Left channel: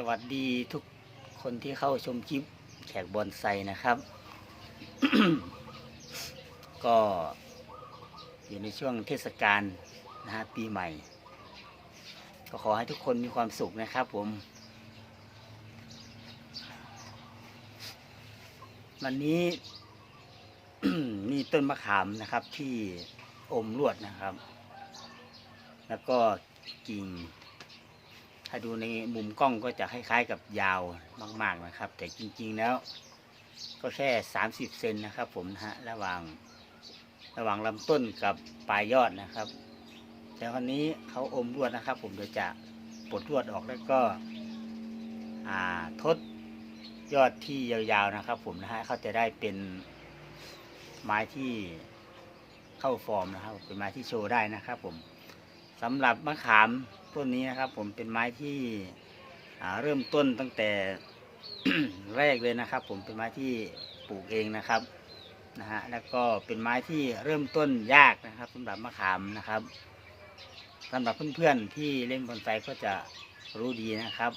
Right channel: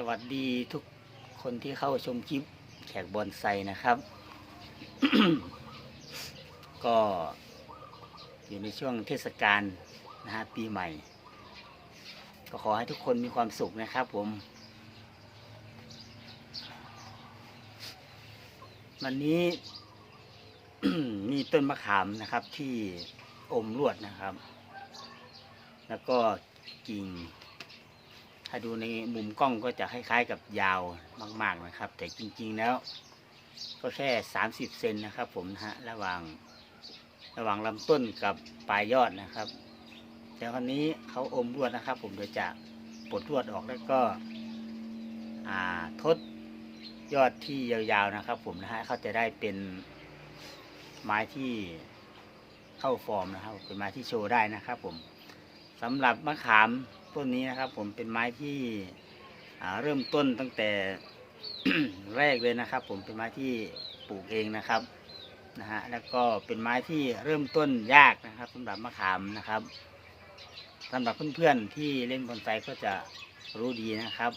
สวัสดีทุกคนที่เข้าชมคลิปแขกบอนไซนะครับ ก็อยู่ในช่วงเทศกาลนะฮะปีใหม่ ก็ขอให้ทุกคนมีความสุขนะครับผม วันนี้ มีต้นมะขามนะครับที่อมลวดนะครับ แล้วก็กิ่ง ถ้าดูในมุมกล้องก็จะคล้ายๆกับยาวมาก ๆนะครับ แต่จริง ๆแล้ว ก็แค่สามสิบเซนนะครับ ผมนะฮะระหว่างระหว่างลำต้นกับปลายยอดนะครับ แต่คราวนี้เขาอมลวดนะครับ ผมเดี๋ยวจะปลดลวดออกแล้วก็ทดยอดที่ยาวๆนะครับ ผมนะฮะเขาจะได้เป็นไม้ที่เข้าฟอร์มนะครับ เป็นไม้ที่โชว์ได้นะครับ ผมสำหรับมะขาม ต้นนี้นะครับ ผมเป็นไม้ที่เริ่มต้นตั้งแต่แรกเลยนะครับ ผมเป็นไม้ที่ปลูกเองนะครับนะฮะแล้วก็เป็นไม้ที่เริ่มต้นยากนะครับสำหรับมะขามนะครับสำหรับเพื่อนๆที่เล่นบอนไซก็จะรู้ดีนะครับ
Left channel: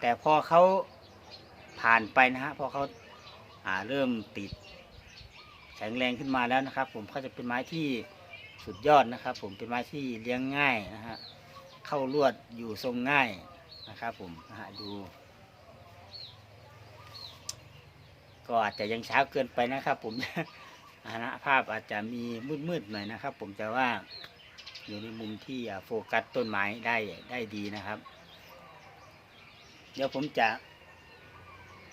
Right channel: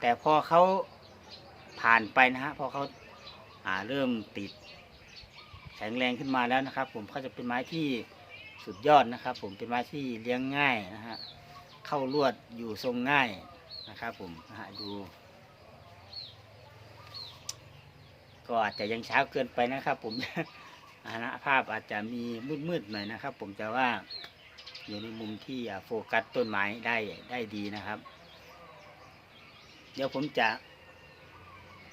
แต่พอเขาผ่านไปนะฮะพอเขาาเริ่มติดแข็งแรงขึ้นมาแล้วนะครับ ผมเขาจะเป็นไม้ที่สุดยอดนะครับ ผมเป็นไม้ที่เลี้ยงง่ายนะฮะ เข้าลวดอยู่ทรงง่ายนะครับผมดู ก็อาจจะยังเช้าเกินไปนะครับ ผมอานะภาพอาจจะมีมืดๆหน่อยนะครับ ผมแต่ว่าอยู่ในมุมที่โฟกัสต้นไม้ได้ได้ดีนะครับ เดี๋ยวผมจะ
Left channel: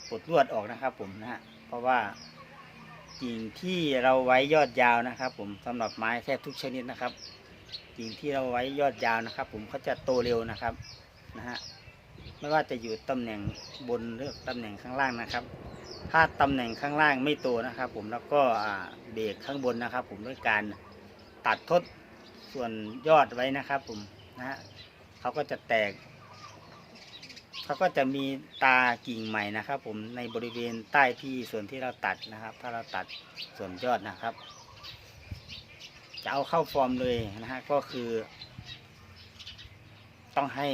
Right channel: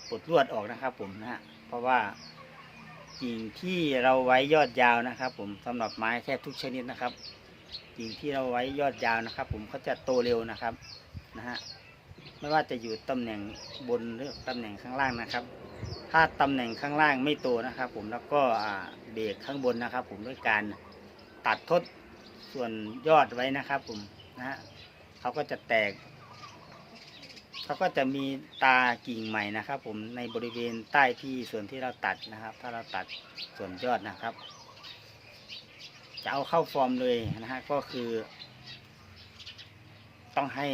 ปลดลวดออกนะครับ ผมนะฮะเพราะว่ากิ่งที่เราไว้ยอดยาวนะครับ ผมสำหรับไม้แทบทุกชนิดนะครับ กิ่งที่เราไว้ยอดยาวนะครับ ผมเขาจะโตเร็วนะครับนะฮะไม่ว่าจะอยู่ตำแหน่งบนหรือตำแหน่งข้างล่างนะครับ ถ้าตำแหน่งข้างล่างไม่โตนะครับ ผมแล้วก็เบรกข้างบนนะครับ ผมด้วยการตัดทดส่วนยอดไว้นะครับ ผมนะฮะเขาก็จะแตกเขาก็จะมีตากิ่งใหม่นะครับ ผมในบริเวณใต้ที่ส่วนที่เราตัดนะครับ ถ้าเราตัดส่วนยอดนะครับ จะเอาเข้าฟอร์มเลยนะฮะก็คือ ต้องให้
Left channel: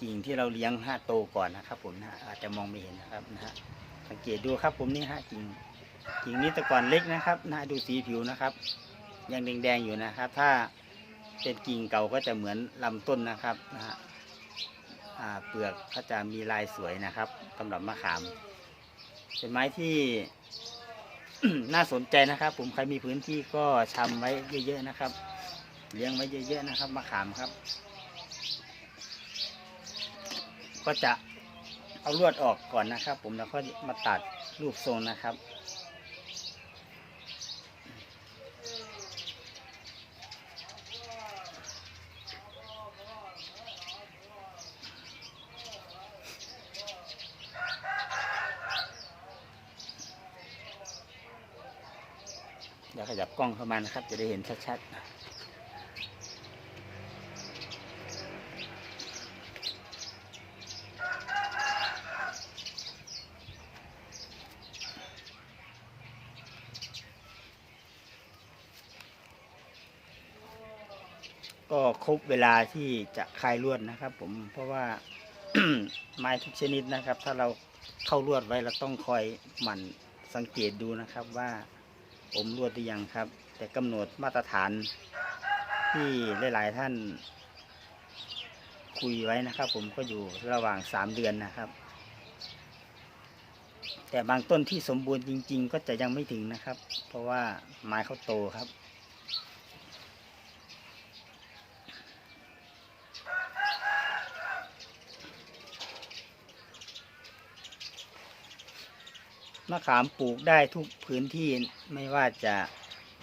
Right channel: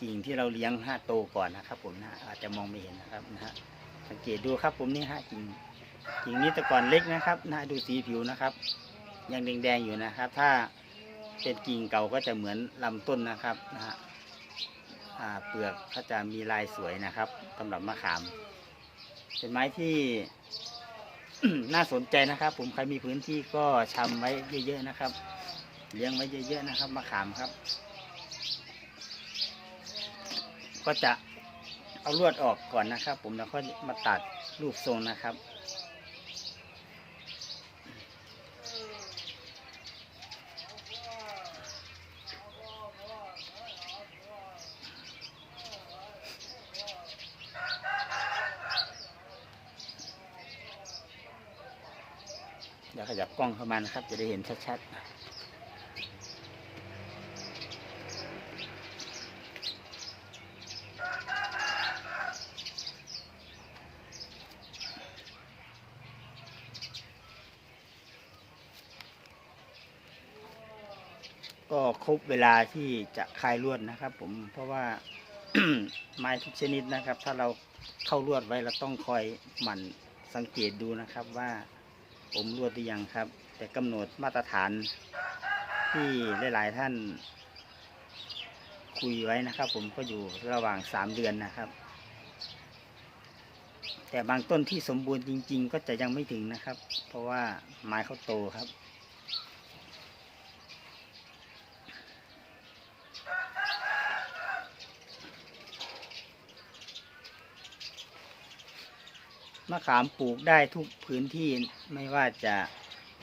กิ่งที่เราเลี้ยงห้าโตก่อนนะครับ ผมนะอาจจะมองไม่เห็นนะครับนะฮะสังเกตดูครับ ผมนี่ฮะกิ่งกิ่งนี้แต่ก่อนเล็กนะครับนะดูสีผิวนะครับ ยังแดงๆอยู่นะครับ ถ้าเป็นกิ่งเก่าก็จะเหมือนลำต้นนะครับนะฮะเปลือกเขาจะมีลายสวยนะครับสำหรับมะขาม เป็นไม้ที่ น่าสนใจนะครับ ผมใครมีพื้นที่ก็ชำไว้เยอะๆนะครับ เลี้ยงไว้เยอะๆนะครับมะขามครับ ก็จะเอาลวดออกก่อนนะครับ ผมแล้วก็มาตัดรูปทรงนะครับ ดี๋ยวขยับกล้องเข้ามานะครับ จะได้เห็นชัดๆ ก็ครบเวลาที่จะคลายลวดนะครับ ผมเพราะว่าไม้ทุกชนิดนะครับ ถ้าเราเข้าลวดไว้เราต้องคอยหมั่นสังเกตดูนะครับว่า ผมรวดหรือยังครับ แต่กำหนดมาตรฐานที่หลายๆท่าน คุยไว้นะครับ ผมก็อยู่ระหว่างสามเดือนนะครับ แต่บางต้นที่สมบูรณ์จริง ๆ ก็จะยังไม่ถึงนะครับ เพราะว่าไม้เขาโตครับ มะขามปลูกได้ทุกพื้นที่ไม่ว่าจะ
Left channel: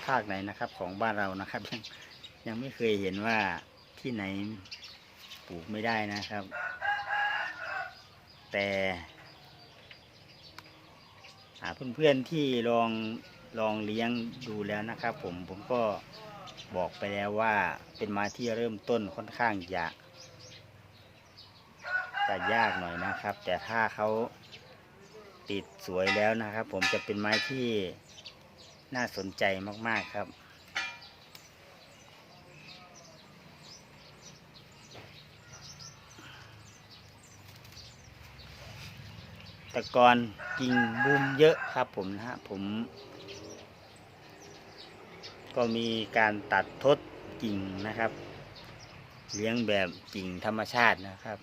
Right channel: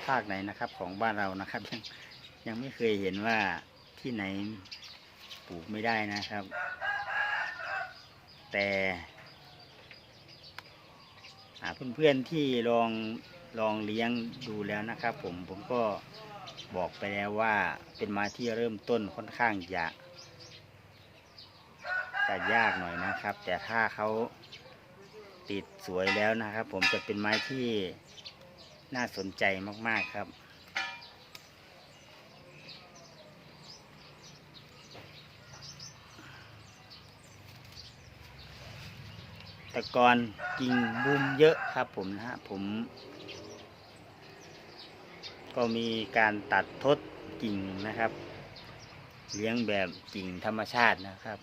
ภาคไหนนะครับ ของบ้านเรานะครับ ยังยังไม่เคยเห็นว่าที่ไหนปลูกไม่ได้นะครับ แต่อ่าเพื่อนๆที่ลองลองเลี้ยงดูแล้วนะครับ ผมผมก็บอกไปแล้วว่าเป็นม้ที่เริ่มต้นค่อนข้างจะจะยากหน่อยนะครับ แต่ถ้าเขา ติดสวยแล้วนะครับ ผมจะเป็นไม้ที่น่าสนใจมาก ๆ ครับ ตะกอนกิ่งบุมเยอะครับผมนะฮะผม ก็มีการตัดทดกิ่งนะครับ เลี้ยงแบบกิ่งธรรมชาตินะครับ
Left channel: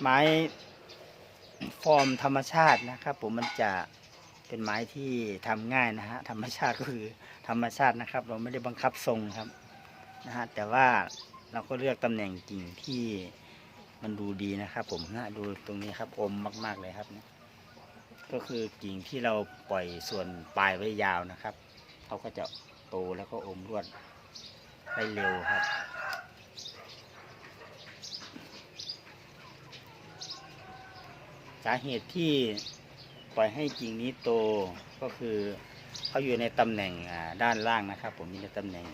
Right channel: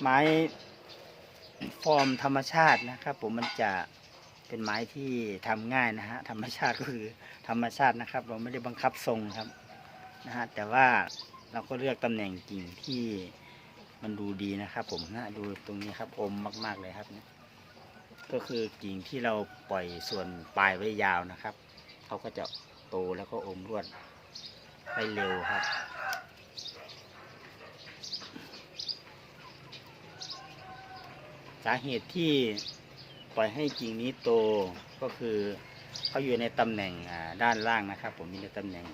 ไม้ฟอร์มธรรมชาตินะครับ ผมมันจะเป็นไม้ที่ทำง่ายนะฮะธรรมชาติก็คือธรรมชาตินะครับ เราไม่ได้บังคับทรงครับนะฮะแต่ว่าเราก็เลือกตำแหน่งกิ่งที่มันดูดีนะครับ ผมนะดูตรงนี้ครับอมมาก ๆเลยครับเนี่ยก็คือกิ่งที่เราปล่อยส่วนปลายไว้ยาวนะครับเขาก็จะโตแล้วก็อมรวดได้เร็วครับ สาเหตุที่ปล่อยให้กิ่งนี้โตก็คือเขาอยู่ในตำแหน่งด้านล่างนะครับ ผมมีในตำแหน่ง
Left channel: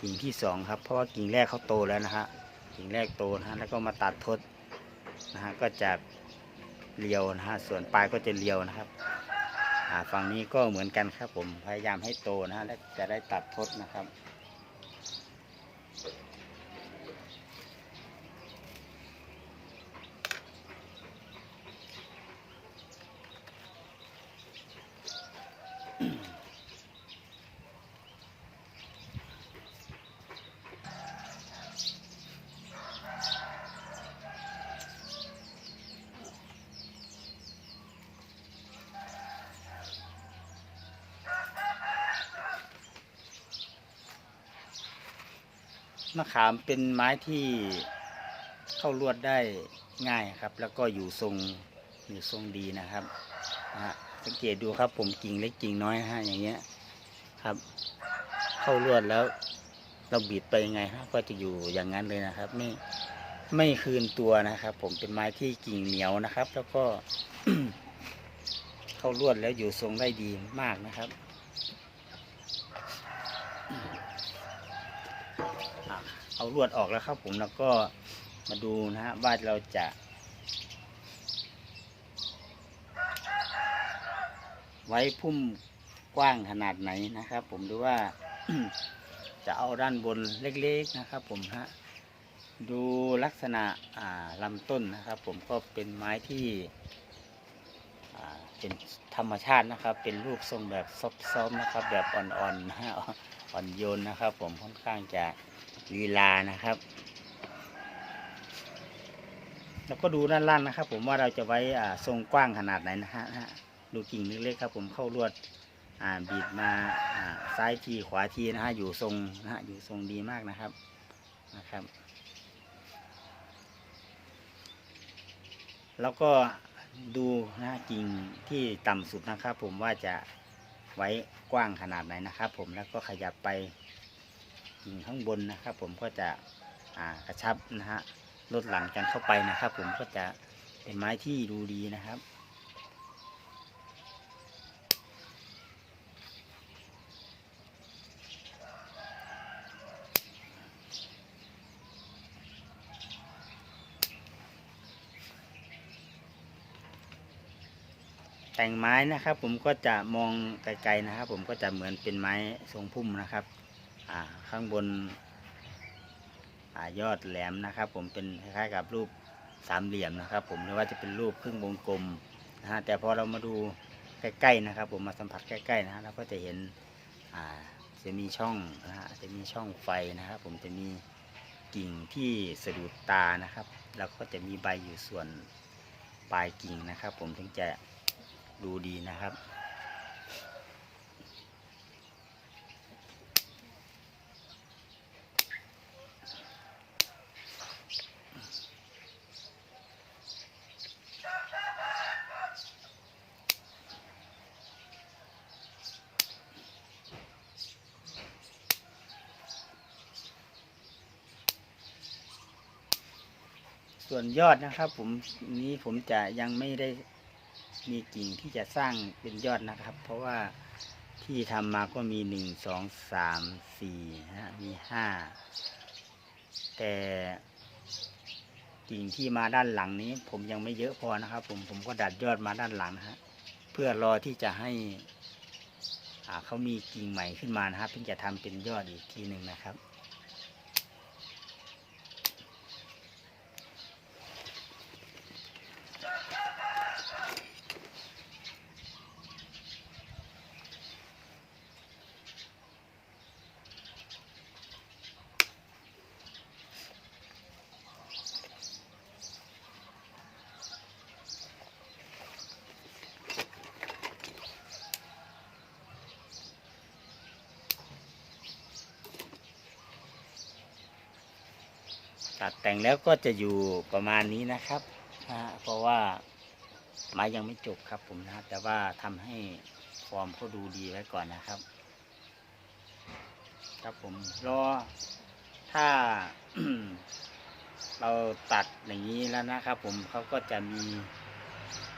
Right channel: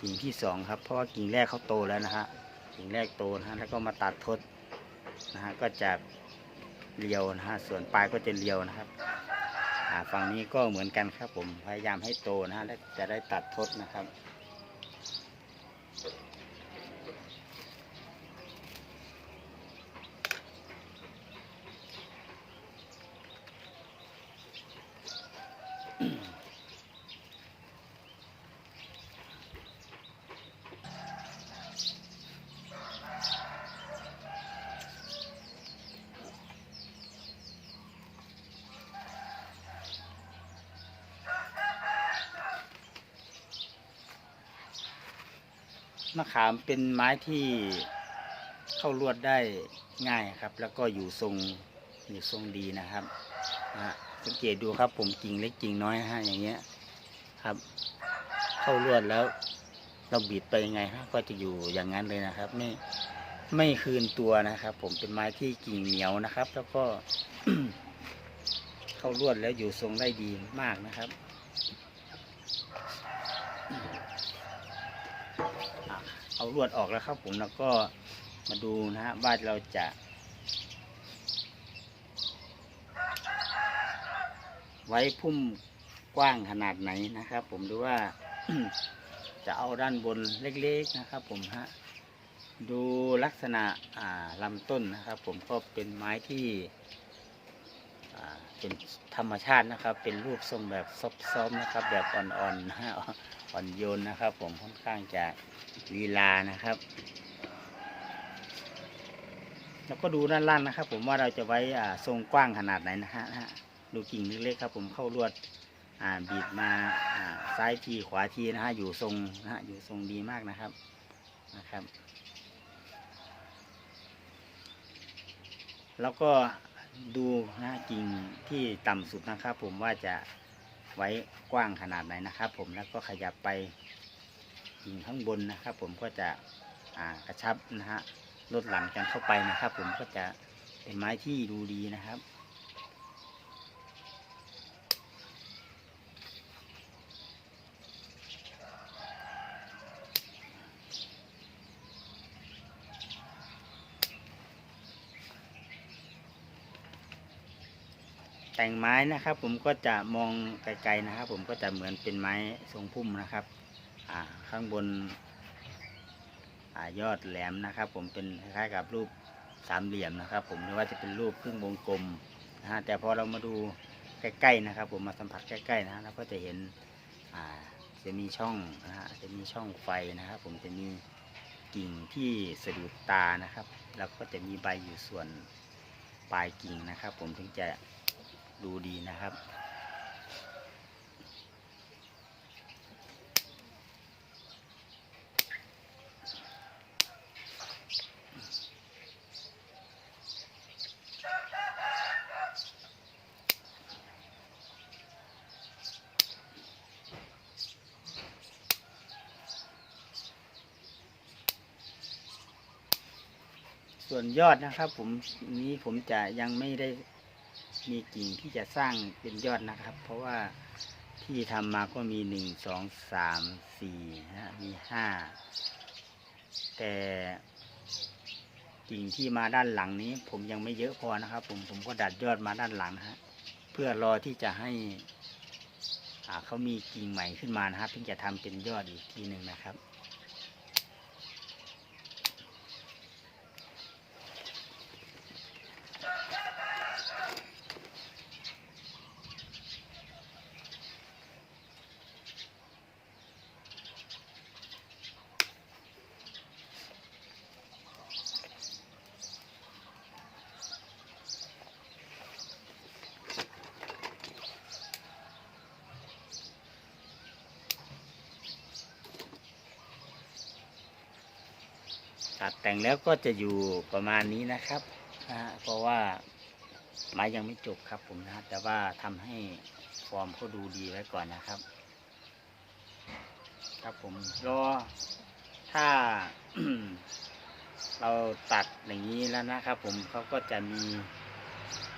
กิ่งที่สองครับ เพราะว่ากิ่งแรกเขาโตแล้วนะฮะกิ่งแรกโตนะฮะแล้วก็มาตัดทดนะฮะก็จะเรียวนะฮะส่วนปลายก็จะเรียวนะครับฝั่งนี้ก็เหมือนกันครับผมพยายามให้โตนะฮะและจะได้ตัดทดนะครับ มะขามเป็นไม้ที่เข้าลวดได้ง่ายครับ แล้วก็อยู่ทรงอยู่ทรงดีนะครับนะฮะสังเกตดูครับผมกิ่งเล็กกิ่งน้อยฮะอย่างเงี้ยครับ เข้าลวดแล้ว เราบิดไปยังไงฮะก็จะอยู่อย่างนั้นเลยนะครับ ไม่ไม่คืนตัวนะครับ ผมเป็นไม้ที่กิ่งเหนียวนะครับ แล้วก็ เข้าลวดแล้วอยู่ทรงได้ดีมากนะครับ เอาลวดออกแล้วครับผมแล้วก็มาดูนะฮะว่าเราจะ ไว้พุ่มกว้างขนาดไหนนะครับ ผมดูว่าจะเอาด้านบนเล็กๆนะครับ ผมฮะดูลักษณะลำต้นนะครับ ผมก็เป็นไม้ที่เป็นธรรมชาตินะครับ เป็นรูปทรงแบบซอฟๆนะครับ แบบอ่อนๆนะฮะอ่อนโยนนะครับ ผมค่อนข้างจะ ลีลานะครับ แล้วก็ดูด้านล่างนะครับ ผมว่าเราจะไว้อ่ทรงกว้างขนาดไหนนะฮะดูกิ่งเล็กๆครับ ผมเข้าลวดบีบมาซ้ายทีขวาทีนะฮะอยู่ทรงนะฮะอยู่ทรงดีมากนะครับนะครับ แล้วก็ดูนะฮะกิ่งที่ต่ำสุดนะครับ ผมว่าจะไว้กว้างขนาดไหนนะครับ ผมแล้วก็ขยับไป กิ่งข้างบนนะครับ ผมก็จะกระชับนะฮะลดหลั่นกันเข้าไปนะครับ ผมก็จะเป็นไม้ที่ดูดีนะครับแต่งไม้นะครับ ผมก็จะมองไกลๆนะครับ ผมก็จะเหมือนเป็นไม้ทรงพุ่มนะครับ ข้างบนอยอดแหลมนะครับ ผมเป็นคล้ายๆกับรูปสามเหลี่ยมนะครับ ผมหรือว่าจะเป็นรูปครึ่งวงกลมนะฮะแต่พอเรามาดูใกล้ๆนะครับ ผมมาสัมผัสใกล้ๆนะฮะเราก็จะเห็นจะมีช่องนะฮะจะมีช่องไฟนะครับ ผมจะมีกิ่งที่สะดุดตานะครับ แล้วก็จะมีใบอยู่ส่วนปลายกิ่งนะครับ ผมถึงจะดูดีนะครับ ส่วนยอดนะครับ ผมนี้ผมจะยังไม่ได้มีกิ่งที่จะสร้างเป็นยอดนะครับ เพราะว่าที่ทำมาก็มีหนึ่งสองสามสี่นะฮะมีห้าแต่กิ่งที่มาด้านหลังนี้ ผมยังไม่เยอะพอนะครับ ผมผมก็ดัดยอดมาด้านหลังฮะเพื่อรอที่จะให้เขามีกิ่งใหม่ขึ้นมานะครับถึงจะทำเป็นยอดอีกทีหนึ่งนะครับ ตัดแต่งแล้วก็จะอยู่ประมาณนี้นะครับนะเพราะว่าไม้ยังไม่จบครับผมนะแต่ว่าทำให้ฟอร์มเขาดูดีไว้ก่อนนะครับ ครับผมรอถ้าเราตัดอย่างนี้แล้วนะครับ ผมเขาก็จะมี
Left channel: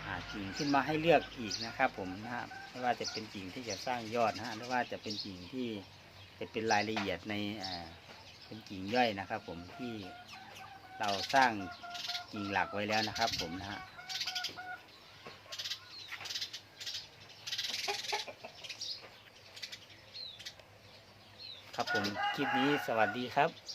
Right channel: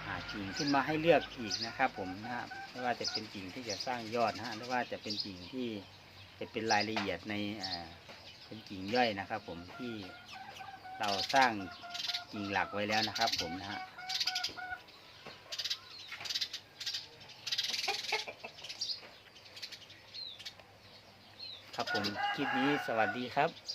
อ่ากิ่งขึ้นมาให้เลือกอีกนะครับ ผมนะไม่ว่าจะเป็นกิ่งที่จะสร้างยอดนะฮะหรือว่าจะเป็นกิ่งที่จะเป็นรายละเอียดใน เป็นกิ่งย่อยนะครับ ผมที่เราสร้างกิ่งหลักไว้แล้วนะครับ ผมนะฮะครับผมคลิปนี้สวัสดีครับ